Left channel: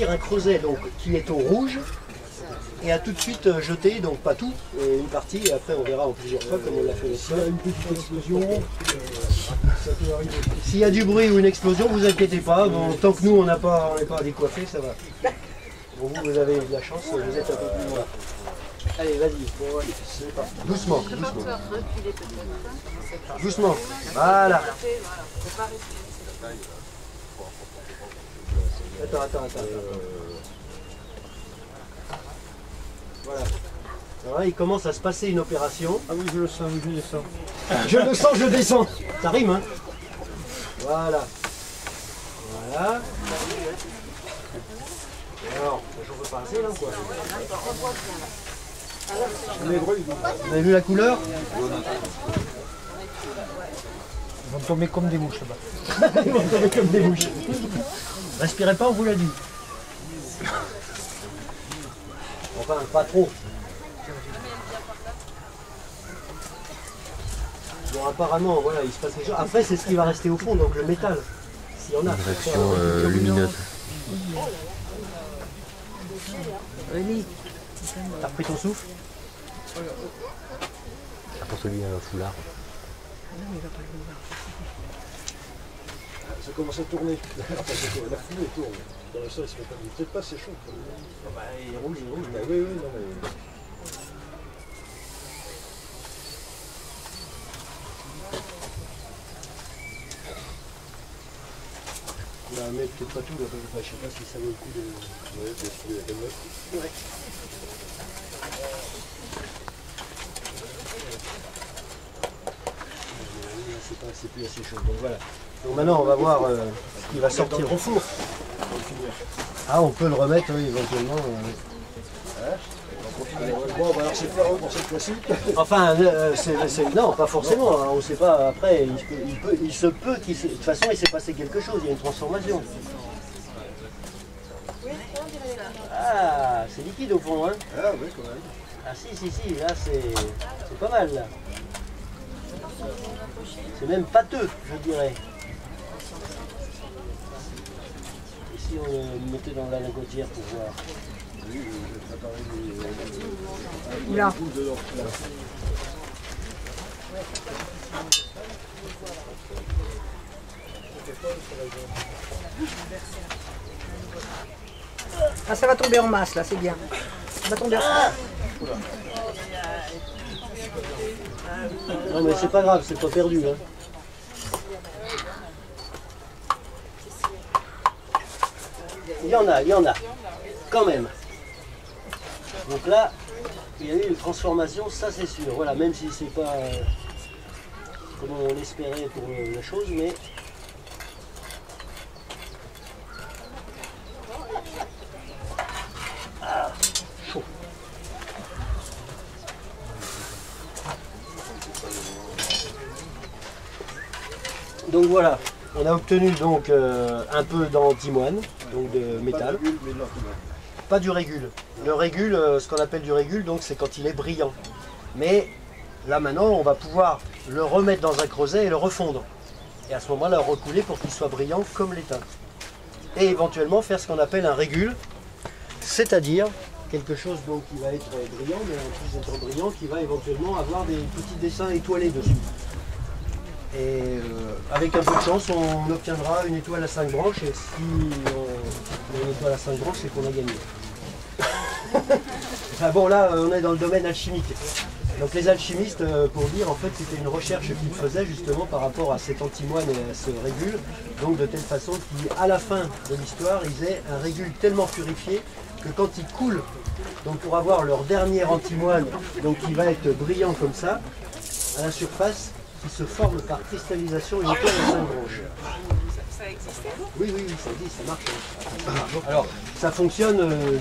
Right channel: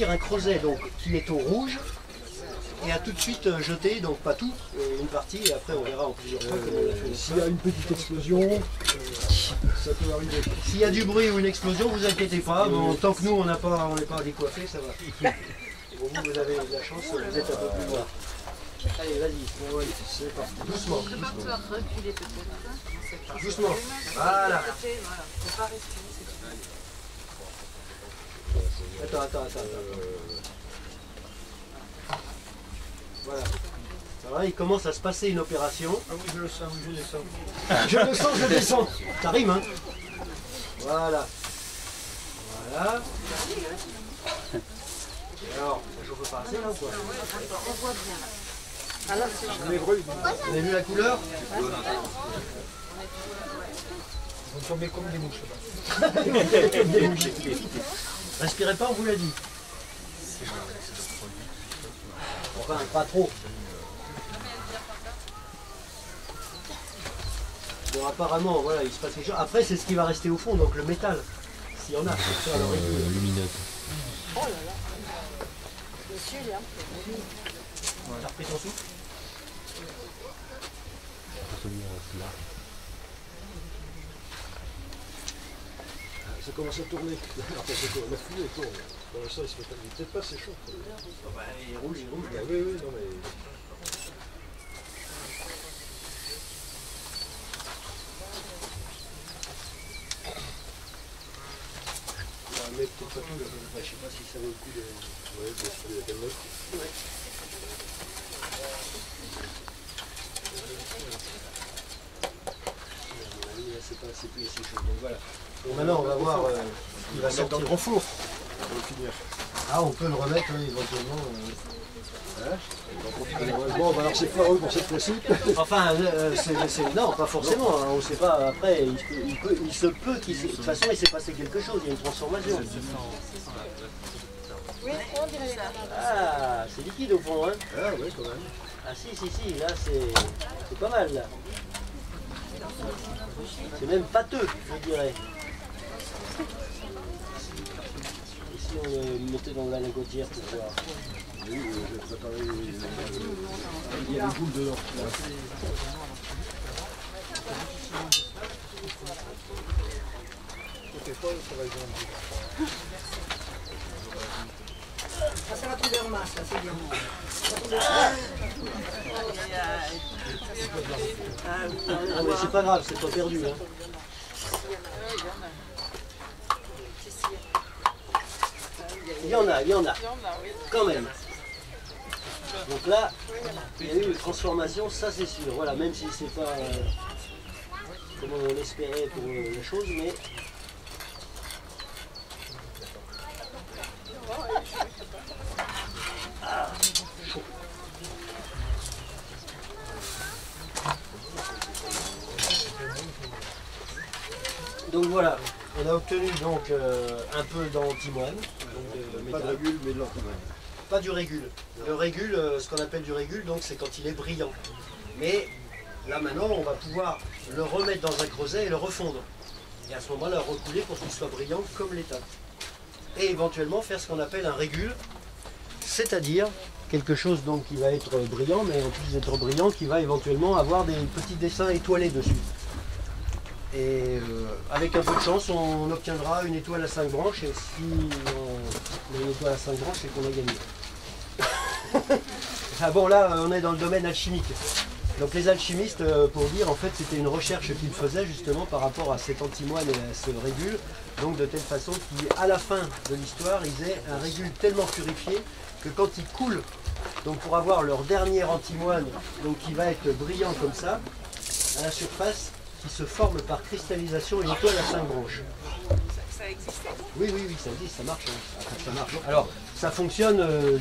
bâtir un creuset donc, qui est au rouge et à tout de suite jeter, donc pas tout, une partie, et après on verra en plusieurs fois comme on l'a fait. S'il y a une petite explosion, ça peut arriver. S'il y a du bruit ou une explosion, vous inquiétez pas, bon, tant que nous on n'est pas à décoiffer, ça va. Bon, vous avez de la chance, vous êtes un peu plus loin. Allez, vas-y, bon, allez, c'est parti. Doucement, doucement. Doucement, voilà. Attends. Voilà. Alors là, il commence à se passer une opération. Ah oui, je le sens, oui, je descends. Je le sens, je descends. Ça rime, hein? Voilà. Voilà. Alors, ça chauffe pas assez là ou quoi? Vous avez vu la couleur? Ils vont tomber comme des mouches là-bas. Ils vont tomber comme des mouches. Respirez pas, on vous l'a dit. Enfin, pas trop. Bon, apparemment, voilà, il se passe quelque chose. Après, c'est ce qui va rester au fond, donc le métal. S'il y en a, faut faire lumineux. T'as repris ton souffle? Ça commence à tourner. La fumée tourne. Dans le sol, il se met peut-être pas, c'est chaud. Bah, il roule. Bah, oui, non mais... Mais peut-être pas tout, là, je sais pas si ça vaut le coup de... Ouais, bien sûr, il y a quand même Ouais. C'est plus assez chaud, donc voilà. Donc maintenant on va voir ce qui va sortir au four. Ah, on peut le remettre oui, éventuellement. Bon, alors c'est foireux pour cette fois-ci. Enfin, non, pas forcément. Hein, on ne sait pas. Après, il se peut qu'il de toute façon il s'est passé quelque chose. Il y a une transformation. Ah, c'est liquide au fond, hein? Ah oui, quand même. Ah si, là c'est pas mal là. C'est même pâteux, je dirais. Et si on le mettait dans la lingotière pour voir? Oui, je vais préparer les boules de l'or. Ah, ça va tomber en masse là, c'est bien. Ça va tomber en masse. Non mais c'est pas grave, c'est pas perdu. Hein. Il y en a, quand même. Donc là, il y a eu une transformation, ça c'est sûr. Voilà, même si c'est pas comme on l'espérait pour la chose, mais... Ah, chaud. Donc voilà, on a obtenu donc un peu d'antimoine, donc de métal. Pas de régule, mais de l'antimoine. Pas du régule. Le régule, ce qu'on appelle du régule, donc c'est quand il est brillant. Mais là maintenant, on va pouvoir le remettre dans un creuset et le refondre. Et à ce moment-là, le recouler pour qu'il soit brillant comme l'étain. Et éventuellement faire ce qu'on appelle un régule, c'est-à-dire quelque chose donc qui va être brillant, mais en plus d'être brillant, qui va éventuellement avoir des petits dessins étoilés dessus. Et avec un peu de chance, on obtiendra une étoile à 5 branches, et si on a une étoile à 5 branches, c'est qu'on a gagné. Ah bon, là, on est dans le domaine alchimique. Donc les alchimistes, pour dire, en fait, c'était une recherche qu'ils faisaient justement par rapport à cet antimoine et à ce régule, donc de telle façon qu'à la fin de l'histoire, ils aient un régule tellement purifié que quand il coule, donc pour avoir leur dernier antimoine, donc qui va être brillant comme ça, à la surface, qui se forme par cristallisation une étoile à 5 branches. Ça existait? Oui, ça existe, ça marche. Hein. Alors, ça fonctionne.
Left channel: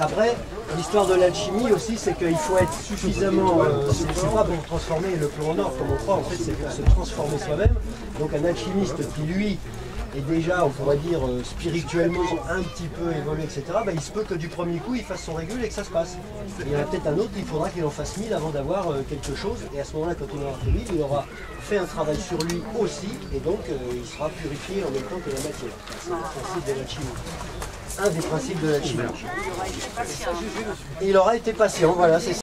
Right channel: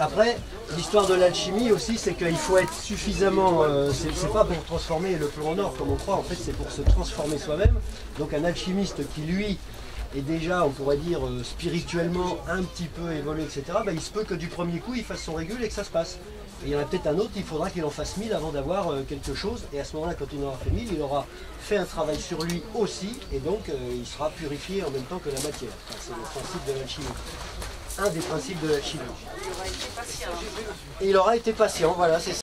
Après, l'histoire de l'alchimie aussi, c'est qu'il faut être suffisamment... c'est pas pour transformer le plomb en or comme on croit, en fait c'est pour se transformer soi-même. Donc un alchimiste qui, lui, est déjà, on pourrait dire, spirituellement un petit peu évolué, etc., bah, il se peut que du premier coup, il fasse son régule et que ça se passe. Et il y en a peut-être un autre, il faudra qu'il en fasse 1000 avant d'avoir quelque chose. Et à ce moment-là, quand il en aura fait 1000, il aura fait un travail sur lui aussi. Et donc, il sera purifié en même temps que la matière. Enfin, c'est le principe de l'alchimie. un des principes de l'alchimie. Et il aura été patient, voilà, c'est ça.